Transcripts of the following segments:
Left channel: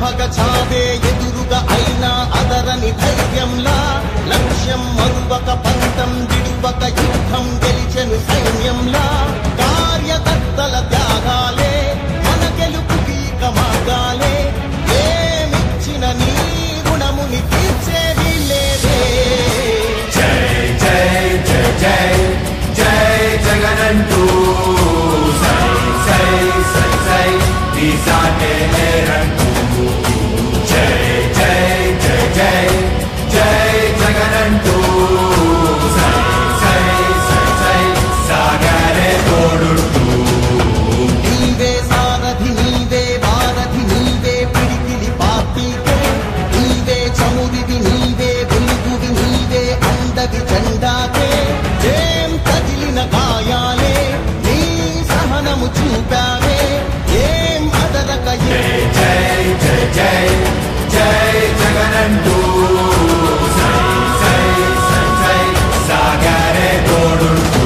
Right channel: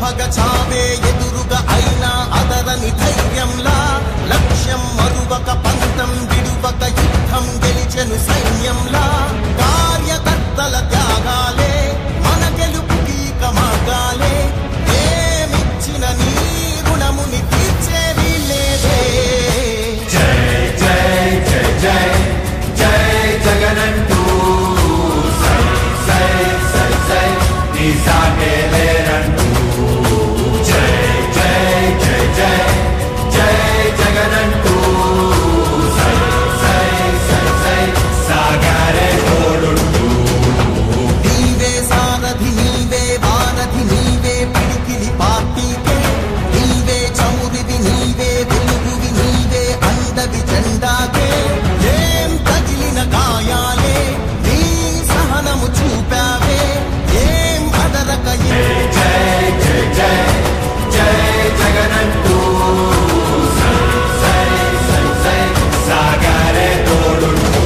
భగ చావే ఎదురుగా అయినా అదరని ధైర్యంలా లక్ష్యం మరువక పంతం విడువక యుద్ధం గెలిచెను సైన్యంలా కార్యకర్తల త్యాగాలే మన గెలుపుకి మార్గాలే ఏమిచ్చిన నీ రుణముని తీర్చేది లేదే జై జై జై జై జై జగనంటూ సై సై సై సై నీ సాగే లేనంటూ జై జై జై జై జై జగనంటూ సై సై సై సై సాగరే తోడుంటూ నీవే సారథి నీవే వారధి నీవే పిడికిలి పార్టీకే నీవే చమురివి నీవే వెలుగువి నీవే అండవి జెండాకే ఏం తగిలిన గాయాలే నీ సహనము చూపావే ఏం అదరక జై జై జై జై జై జగనంటూ సై సై సై సై సాగరే తోడుంటూ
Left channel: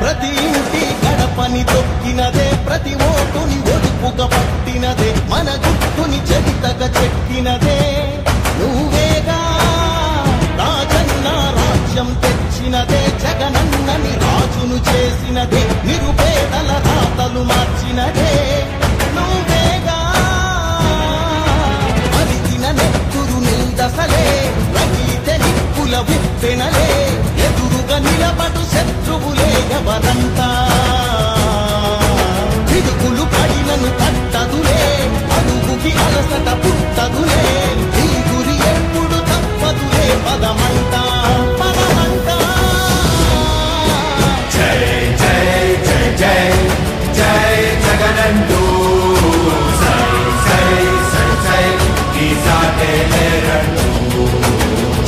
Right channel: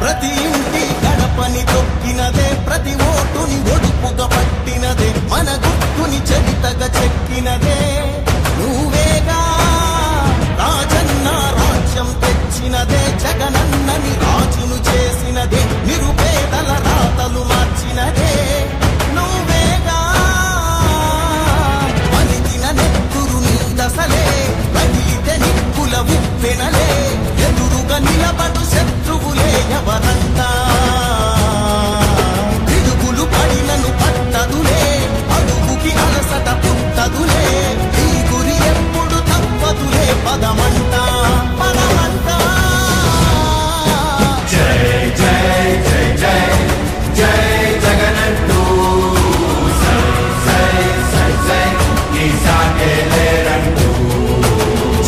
ప్రతి ఇంటి గడపని తొక్కినదే ప్రతి ఓటుని ఒడుపుగా పట్టినదే మన గుర్తుని చరితగా చెక్కినదే నువ్వేగా రాజన్న రాజ్యం తెచ్చినదే జగనన్నని రాజును చేసినదే నిరుపేదల రాతలు మార్చినదే నువ్వేగా మరిగిన నెత్తురు నీ దశలే రగిలితే నిప్పుల ఉప్పెనలే ఎదురుగా నిలబడు శత్రువులే ఎవరంతా పిడుగులు పడినను పట్టదులే అడుగుకి అలసట పుట్టదులే ఈ గురి ఎప్పుడు తప్పదులే పదమంట పదమంట జై జై జై జై జై జగనంటూ సై సై సై సై నీ సాగే లేనంటూ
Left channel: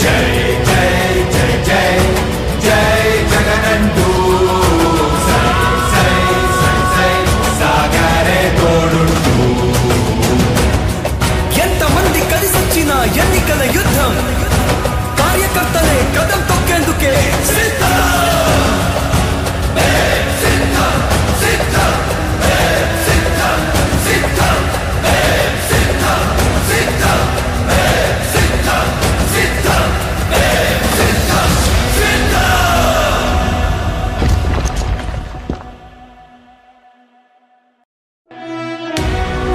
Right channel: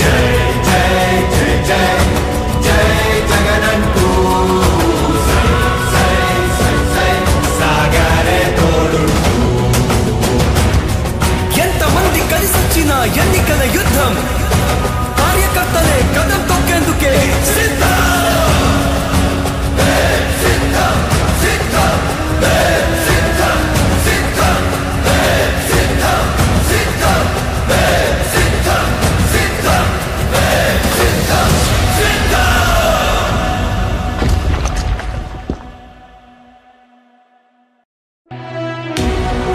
జై జై జై జై జై జగనంటూ సై సై సై సై సాగరే తోడుంటూ ఎంతమంది కలిసొచ్చిన ఎన్నికల యుద్ధం కార్యకర్తలే కదం తొక్కేందుకే సిద్ధం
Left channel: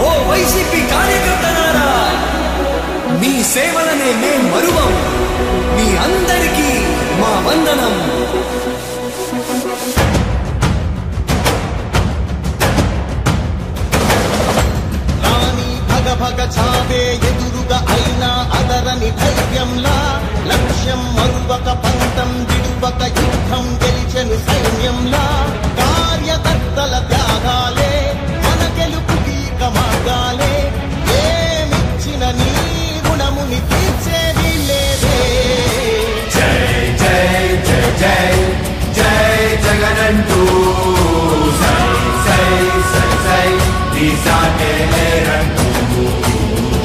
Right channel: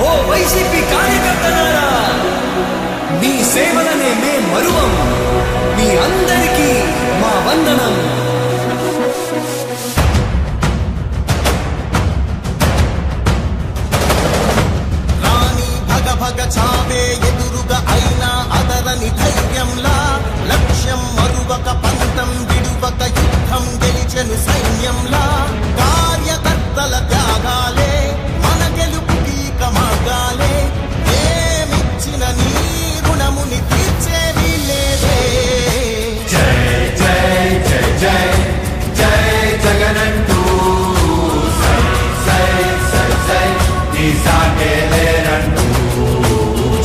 ఓ వైసీపీ కార్యకర్తలారా మీ సేవలనే మే మరువం మీ అందరికీ మా వందనం రాణి భగ భగ చావే ఎదురుగా అయినా అదరని ధైర్యంలా లక్ష్యం మరువక పంతం విడువక యుద్ధం గెలిచెను సైన్యంలా కార్యకర్తల త్యాగాలే మన గెలుపుకి మార్గాలే ఏమిచ్చిన నీ రుణముని తీర్చేది లేదే జై జై జై జై జై జగనంటూ సై సై సై సై నీ సాగే లేనంటూ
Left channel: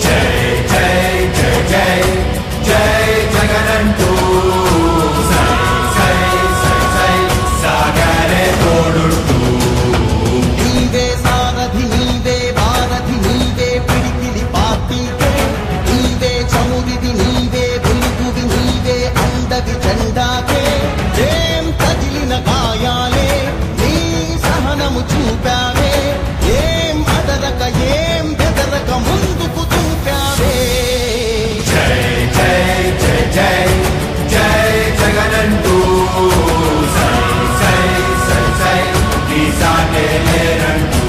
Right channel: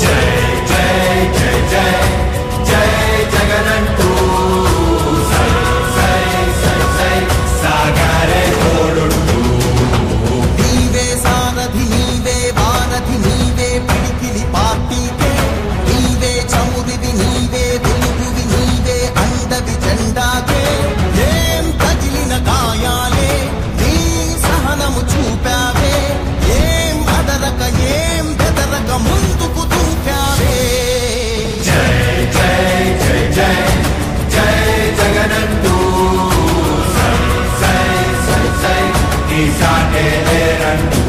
జై జై జై జై జై జగనంటూ సై సై సై సై సాగరే తోడుంటూ నీవే సారథి నీవే వారధి నీవే పిడికిలి పార్టీకే నీవే చమురివి నీవే వెలుగువి నీవే అండవి జెండాకే ఏం తగిలిన గాయాలే నీ సహనము చూపావే ఏం అదరక ఏం బెదరక ముందుకు దూకావే జై జై జై జై జై జగనంటూ సై సై సై సై నీ సాగే లేనంటూ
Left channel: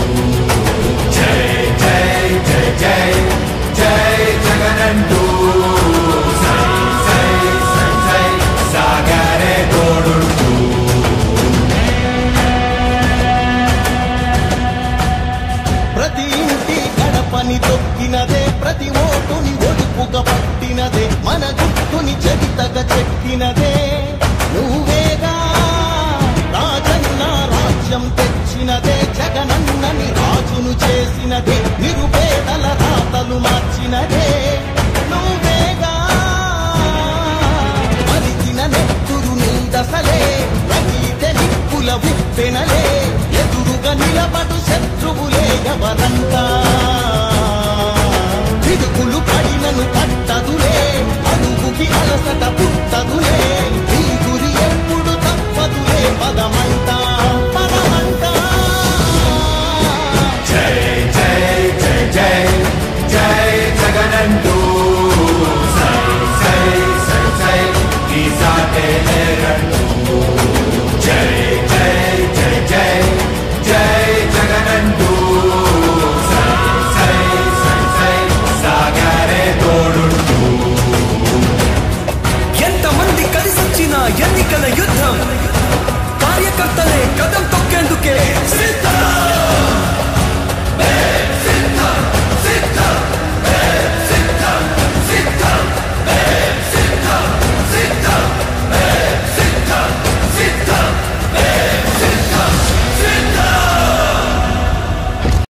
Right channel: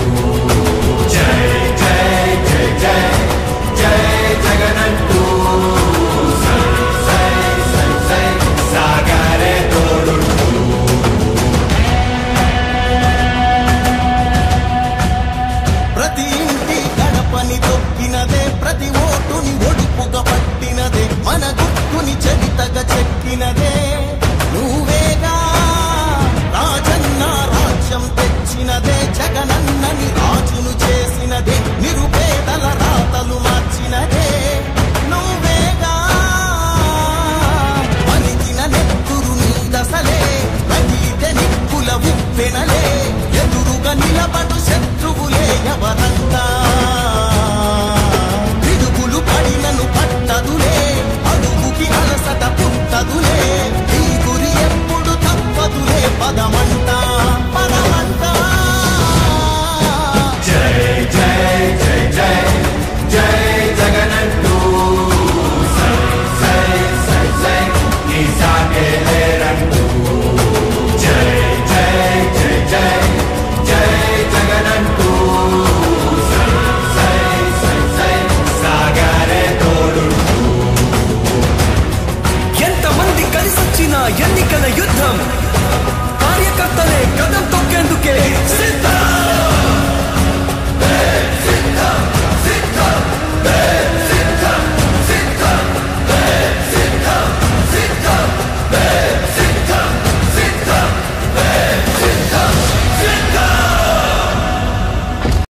జై జై జై జై జై జగనంటూ సై సై సై సై సాగరే తోడుంటూ ప్రతి ఇంటి గడపని తొక్కినదే ప్రతి ఓటుని ఒడుపుగా పట్టినదే మన గుర్తుని చరితగా చెక్కినదే నువ్వేగా రాజన్న రాజ్యం తెచ్చినదే జగనన్నని రాజును చేసినదే నిరుపేదల రాతలు మార్చినదే నువ్వేగా మరిగిన నెత్తురు నీ దశలే రగిలితే నిప్పుల ఉప్పెనలే ఎదురుగా నిలబడు శత్రువులే ఎవరంట పిడుగులు పడినను పట్టదులే అడుగుకి అలసట పుట్టదులే ఈ గురి ఎప్పుడు తప్పదులే పదమంట పదమంట జై జై జై జై జై జగనంటూ సై సై సై సై నీ సాటే లేరంటూ జై జై జై జై జై జగనంటూ సై సై సై సై సాగరే తోడుంటూ ఎంతమంది కలిసొచ్చిన ఎన్నికల యుద్ధం కార్యకర్తలే కదం తొక్కేందుకే సిద్ధం